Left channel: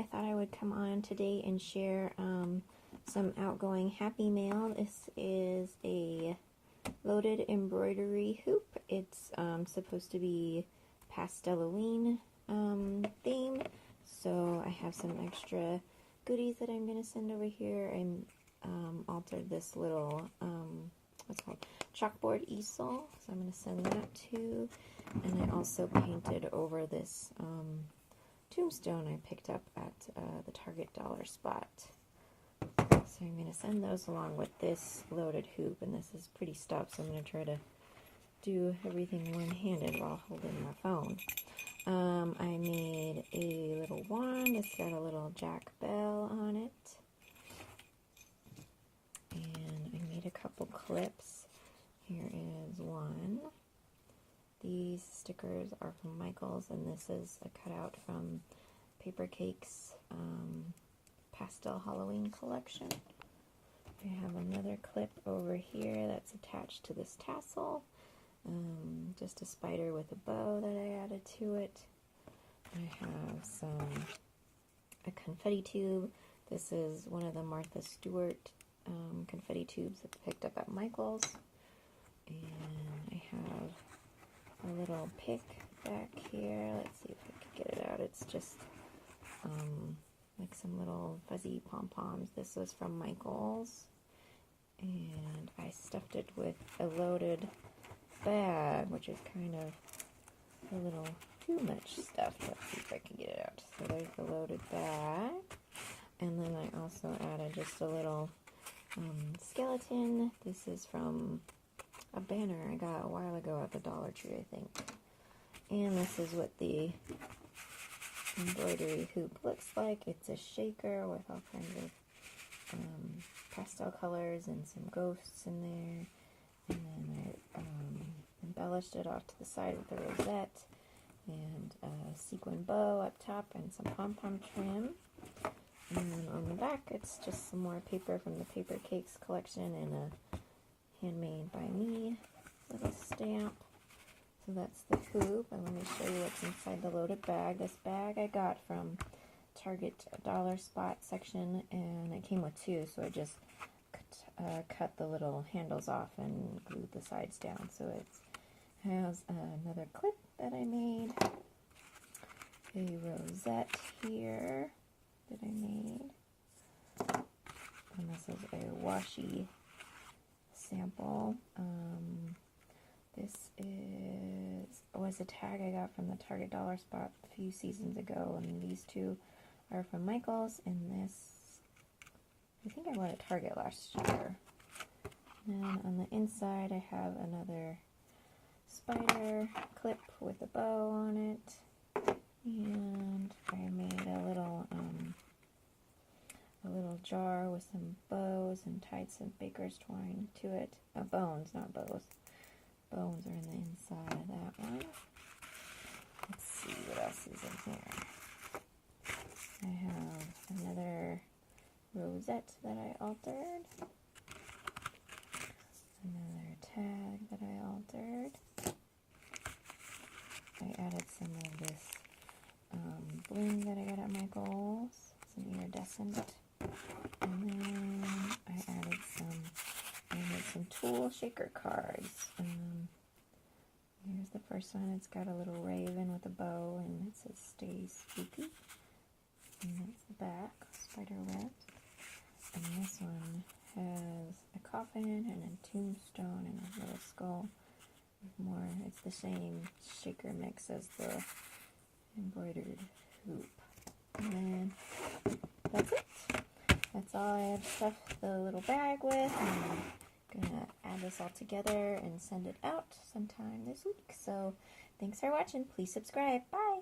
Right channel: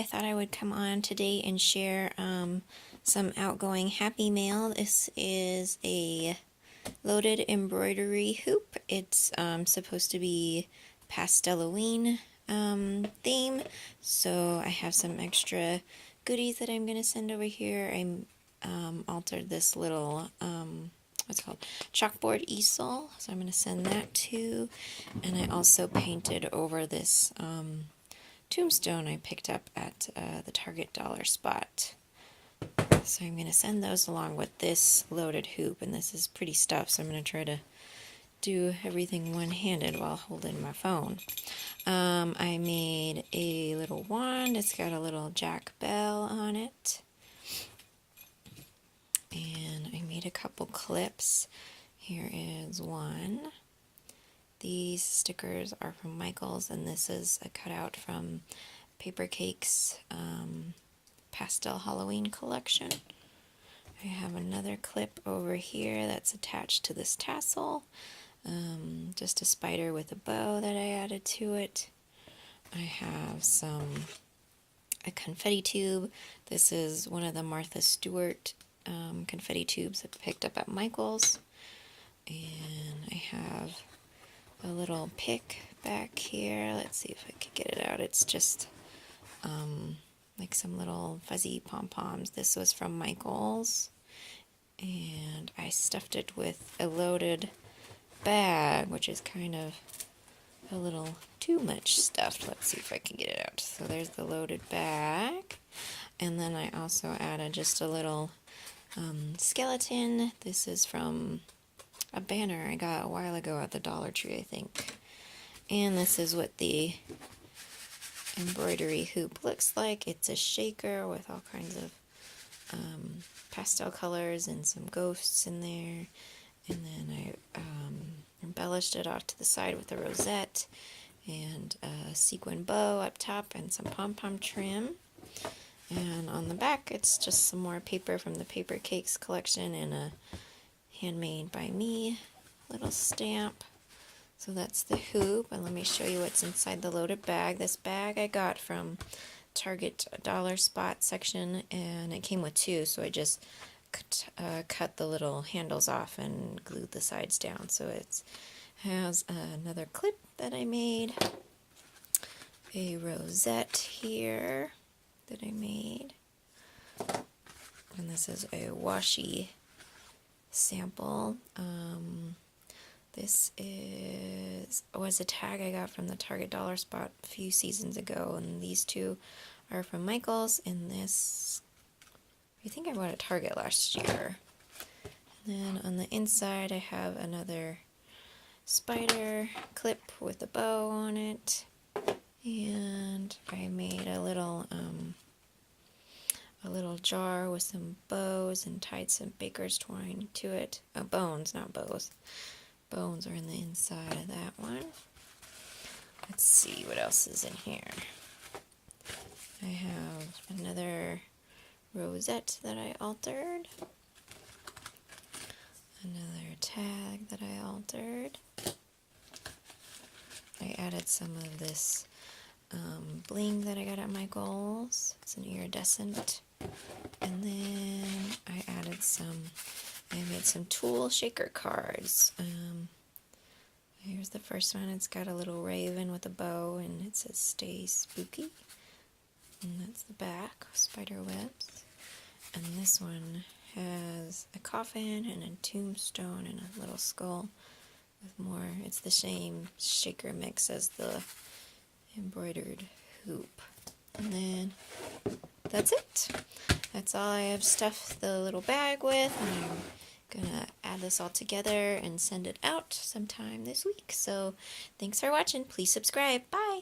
I thought I would come on today and share some Outgoing Happy Mail. This is a loaded embroidery hoop. It's supposed to be Pasteloween theme, so I have some extra goodies that I'm going to send over here. I altered this little what's it called, chalkboard easel, so I'm going to send that too. And I also painted over this tombstone I picked up at the Target dollar spot. So I'm going to send those along with this loaded hoop, and this is pretty stuff, so I'm going to try to do everything one-handed while holding my phone. I made a little wand. It's got a little Jack Bell on it. And I made a couple clips. Here is one. These stickers are from Michaels, and this is a cutout from Paper Cake's Pastel Halloween collection. I have another clip over here that's attached to this tassel. Just a spider with a bow that I added to it. I have a confetti tube. This is one of the Martha Stewart confetti tubes I picked up at Michael's. And I have a little pick back here. Let's see if I can get it out. It's just like some little fuzzy pom-poms. This was from Michael's. And I stuffed it with a loaded bag, which is kind of a little too much stuffed. Let's see if I can get it out. So there's the loaded bag. And then I also added just a little skeleton. This is from a banner I got a while ago at the Dollar Tree, I think. And this is what the embroidery hoop looks like. It's a shaker with all kinds of pastel colors and some ghosts in there. And then I embellished it off to the side with a rosette and a sequin bow up top and some pom-pom trim. And on the back, it's just some more paper from the Paper Cakes collection and a handmade by me little stamp. So that's the hoop, and let me show you what's inside the loaded bag. This bag I got from Target dollar spot section, and it came with two, so I just cut the little handles off and glued the sides down. So it has another clip that I made, a rosette here that I made, and this is a washi sample. This was a tag I got from the Target dollar spot a few seasons ago, and these two are from Michaels, and this I think I bought at Target last year. And then on the inside I have another spider clip with a bow on it, and I made a little jar with some bows and tied some baker's twine to it. Bones, not bows. Bones are in the inside of that one. Let's see what else is in here. I have another rosette that I altered. Another tag that I altered. I added some of this bling that I got at Michael's. It's an iridescent. And then I made some tool shaker cards. Here's the first one. It's got a little raven with a bow, and it says "Stay Spooky." And that's the back, spider webs. And this one has a coffin and a tombstone and a little skull with more. It's the same shaker mix as the embroidered hoop. And then that's it. That's all I have stuffed the little bag with. I'm gonna add this all together and send it out sometime this week. So thanks for watching. Please subscribe. Bye.